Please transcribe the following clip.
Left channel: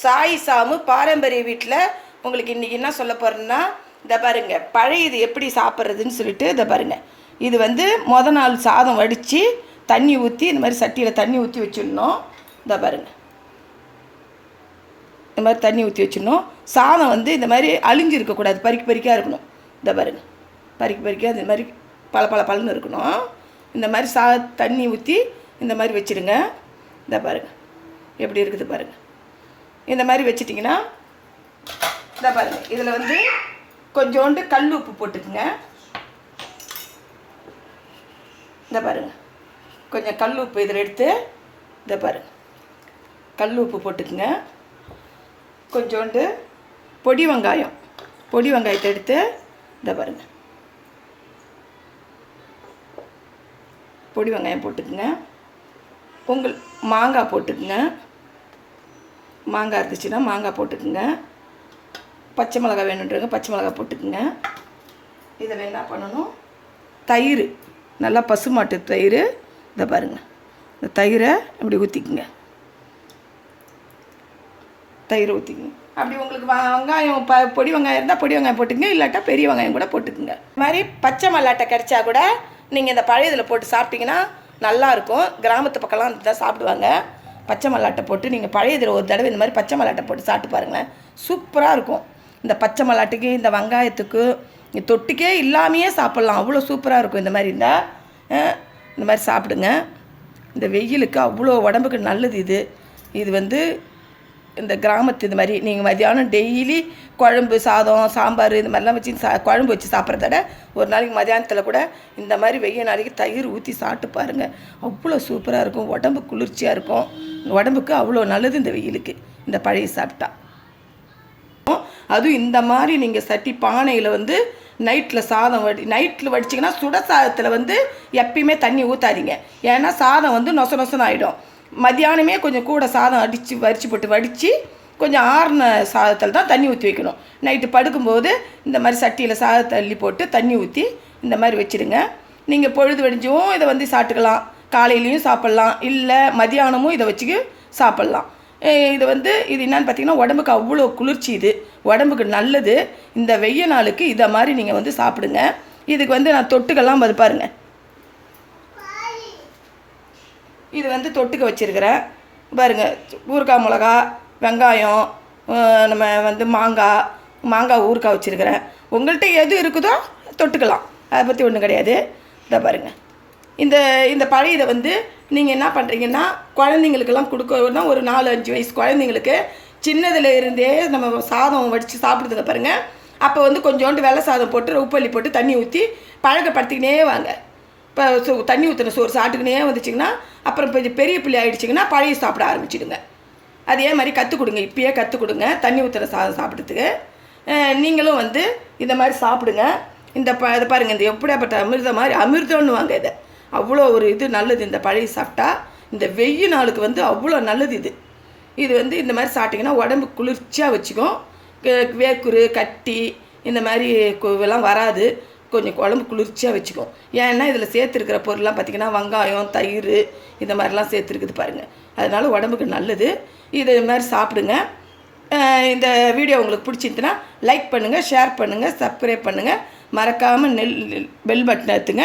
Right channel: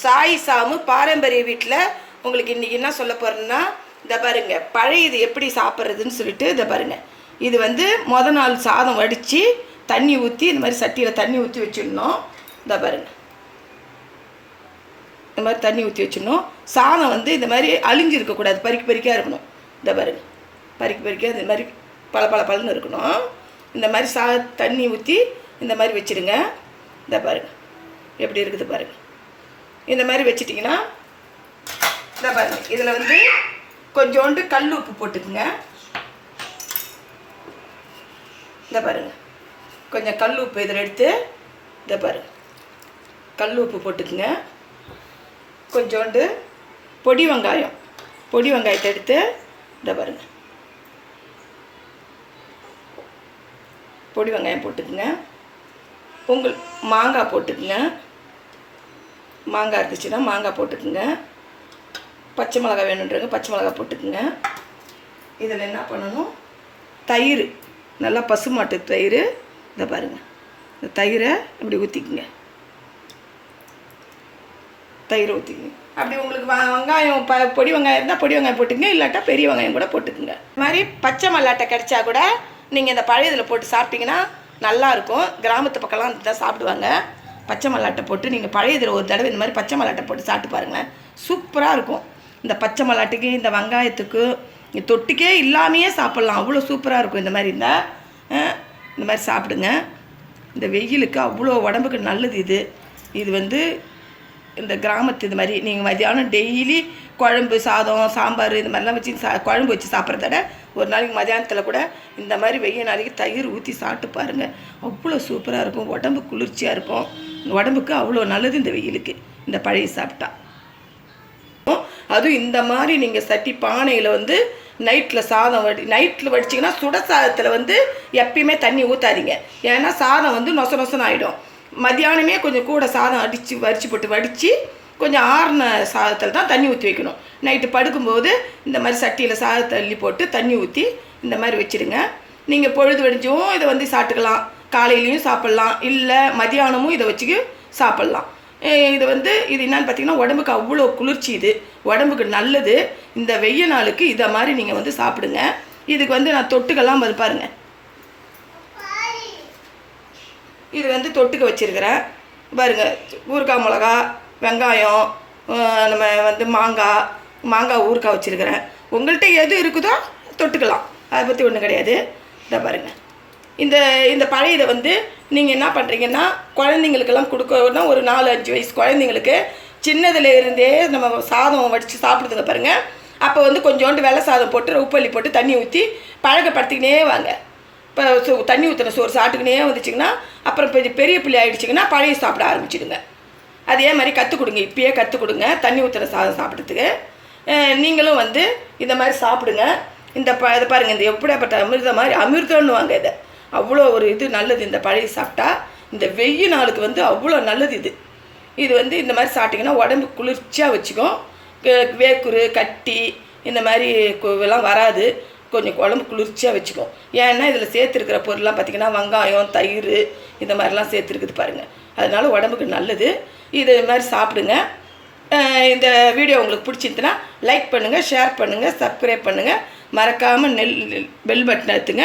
சாய் சாமு பாரம்பரிய வீட்டில் உங்களுக்கு இன்றைக்கி என்ன சொல்ல போகிறேன்னா இந்த பாருங்க பழையது எப்படி சாப்பிட்றதுன்னு சொல்லிட்டு இதை பாருங்க. இது வந்து மொதல் நாள் சாதம் வடித்து தண்ணி ஊற்றி இந்த மாதிரி சட்டியில் தண்ணி ஊற்றி வச்சிடணும். இந்த பாருங்க. இந்த மாதிரி தண்ணி ஊற்றி வச்சிடணும். சாதம் வந்து இந்த மாதிரி அழிஞ்சு இருக்கக்கூடாது பறிக்க பறிக்காக இருக்கணும். இந்த பாருங்க. பறிக்க பறிக்காக இந்த மாதிரி பல பல பலன்னு இருக்கணும். இந்த மாதிரி சா தண்ணி ஊற்றி இந்த மாதிரி வச்சுருங்க இந்த பாருங்க. எப்படி இருக்குது பாருங்கள் இந்த மாதிரி வச்சிட்டிங்கன்னா இந்த பாருங்க இதில் வந்து கொஞ்சோண்டு கல் உப்பு போட்டுக்குங்க. இந்த பாருங்க கொஞ்சம் கல் உப்பு இதில் எடுத்து இந்த பாருங்க கல் உப்பு போட்டுக்குங்க. கொஞ்சோண்டு பொடி வெங்காயம் பொடி வெங்காயத்தை எடுத்து இந்த பாருங்க. பொடி வெங்காயம் போட்டுக்குங்க. உங்கள் மாங்காய் போட்டுக்குங்க. மாங்காய் இருந்துச்சுன்னா மாங்காய் போட்டுக்குங்க. பச்சை மிளகா வேணுன்றவங்க பச்சை மிளகா போட்டுக்குங்க. இதில் என்ன பண்ணணும்? தயிர் நல்லா பசுமாட்டு தயிர். இதை பாருங்கள் இந்த தயிரை அப்படி ஊற்றிக்குங்க தயிர் ஊற்றிக்குங்க அப்படி உங்களுக்கு வெங்காயம் ப பொடி வெங்காயம் இருந்தால் பொடி வெங்காயம் போட்டுக்குங்க. இல்லாட்டா பெரிய வெங்காயம் கூட போட்டுக்குங்க. இது மாதிரி பச்சை மல்லாட்டை கிடச்சா கூட நீங்கள் இந்த பழையதில் போட்டு சாப்பிட்டீங்கன்னா நல்லாயிருக்கும் கிராமத்து பக்கம்லாம் தான் சாப்பிடுவாங்க. பச்சை மல்லாட்டை போட்டு நீங்கள் பழையதில் ஒரு தடவை இந்த மாதிரி பச்சை மல்லாட்டை போட்டு சாப்பிட்டு பாருங்களேன். சூப்பராக இருக்கும். இந்த பச்சை மல்லாட்டுக்கு இந்த வெங்காயத்துக்கு இந்த தொட்டுக்கே இல்லாமையே சாப்பிட்லாம். அவ்வளோ சூப்பராக இருக்கும் இந்த மாதிரி இந்த இந்த மாதிரி சாப்பிடுங்க. இந்த வெயிலுக்கு அவ்வளோ உடம்புக்கு நல்லது இது. இது வந்து இந்த கிராமத்து இது மாதிரி. நீங்கள் மதியானம் டெய்லி குழம்பு சாதம் சாம்பார் இந்த மாதிரிலாம் வச்சு சா குழம்பு வச்சு சாப்பிட்றத விட ஒரு நாளைக்கு மதியானத்தில் கூட இந்த மாதிரி வெயில் நாளைக்கு தயிர் ஊற்றி சாப்பிட்டு பாருங்கள் அவ்வளோ சூப்பராக இருக்கும். உடம்பு குளிர்ச்சியாக இருக்கும். உடம்புக்கு அவ்வளோ நல்லது இந்த வெயிலுக்கு. இந்த பழைய சாப்பிட்டா. அதுவும் இந்த மாதிரி நீங்கள் சட்டி பானையில் வந்து நைட்டில் சாதம் வடி நைட்டில் வடிச்சிங்கன்னா சுட சாதத்தில் வந்து எப்பயுமே தண்ணி ஊற்றாதீங்க ஏன்னா சாதம் வந்து நொச நொசன்னு ஆகிடும் மத்தியானமே கொஞ்சம் கூட சாதம் அடித்து வரிச்சு போட்டு வடித்து கொஞ்சம் ஆறின சாதத்தில் தான் தண்ணி ஊற்றி வைக்கணும். நைட்டு படுக்கும்போது இந்த மாதிரி சட்டியில் சாதத்தை அள்ளி போட்டு தண்ணி ஊற்றி இந்த மாதிரி வச்சிடுங்க. நீங்கள் பொழுது வெடிஞ்சும் இதை வந்து சாப்பிட்டுக்கலாம். காலையிலையும் சாப்பிட்லாம் இல்லை மதியானமும் இதை வச்சுக்க சாப்பிட்லாம். இது வந்து இது என்னன்னு பார்த்தீங்கன்னா உடம்புக்கு அவ்வளோ குளிர்ச்சி இது. உடம்புக்கு நல்லது. இந்த வெய்ய நாளுக்கு இதை மாதிரி நீங்கள் வந்து சாப்பிடுங்க. இதுக்கு வந்து நான் தொட்டுக்கெல்லாம் வந்து பாருங்க. இது வந்து தொட்டுக்க வச்சுருக்கிறேன். பாருங்க ஊறுகாய் மிளகா வெங்காயம் நம்ம வந்து மாங்காய் மாங்காய் ஊறுகாய் வச்சுருக்கிறேன். உங்கள்கிட்ட எது இருக்குதோ தொட்டுக்கலாம். அதை பற்றி ஒன்றும் கிடையாது. இதை பாருங்கள் இந்த இந்த பழையதை வந்து நீங்கள் என்ன பண்ணுறீங்கன்னா குழந்தைங்களுக்கெல்லாம் கொடுக்கணும்னா ஒரு நாலு அஞ்சு வயசு குழந்தைங்களுக்கு சின்னதில் இருந்தே நம்ம சாதம் வடித்து சாப்பிடுறத பாருங்கள் அப்போ வந்து கொஞ்சோண்டு வெள்ளை சாதம் போட்டு உப்பள்ளி போட்டு தண்ணி ஊற்றி பழக்கப்படுத்திக்கினே வாங்க. இப்போ சோ தண்ணி ஊற்றின சோறு சாப்பிட்டுக்கினே வந்துச்சிங்கன்னா அப்புறம் கொஞ்சம் பெரிய பிள்ளை ஆகிடுச்சிங்கன்னா பழைய சாப்பிட ஆரம்பிச்சிடுங்க. அதே மாதிரி கற்றுக் கொடுங்க இப்பயே கற்றுக் கொடுங்க தண்ணி ஊற்றுற சாதம் சாப்பிட்றதுக்கு. நீங்களும் வந்து இந்த மாதிரி சாப்பிடுங்க. இந்த ப இதை பாருங்கள் இந்த எப்படியாப்பட்ட அமிர்தம் மாதிரி அமிர்தம்னுவாங்க இதை. அவ்வளோ ஒரு இது நல்லது. இந்த பழைய சாப்பிட்டா இந்த வெயில் நாளுக்கு வந்து அவ்வளோ நல்லது இது. இது வந்து இந்த மாதிரி சாப்பிட்டிங்கன்னா உடம்பு குளிர்ச்சியாக வச்சுக்கும் வேக்குரு கட்டி இந்த மாதிரி கு- இதெல்லாம் வராது. கொஞ்சம் உடம்பு குளிர்ச்சியாக வச்சுக்கும் ஏன்னா இதில் சேர்த்துருக்கிற பொருள்லாம் பார்த்திங்கன்னா வெங்காயம் தயிர் இந்த மாதிரிலாம் சேர்த்துருக்குது பாருங்கள் அதனால் உடம்புக்கு நல்லது. இது மாதிரி சாப்பிடுங்க. இந்த வீடியோ உங்களுக்கு பிடிச்சிருந்துன்னா லைக் பண்ணுங்கள் ஷேர் பண்ணுங்கள் சப்ஸ்கிரைப் பண்ணுங்கள் மறக்காமல் நெல் பெல் பட்டன் அழுத்துங்க.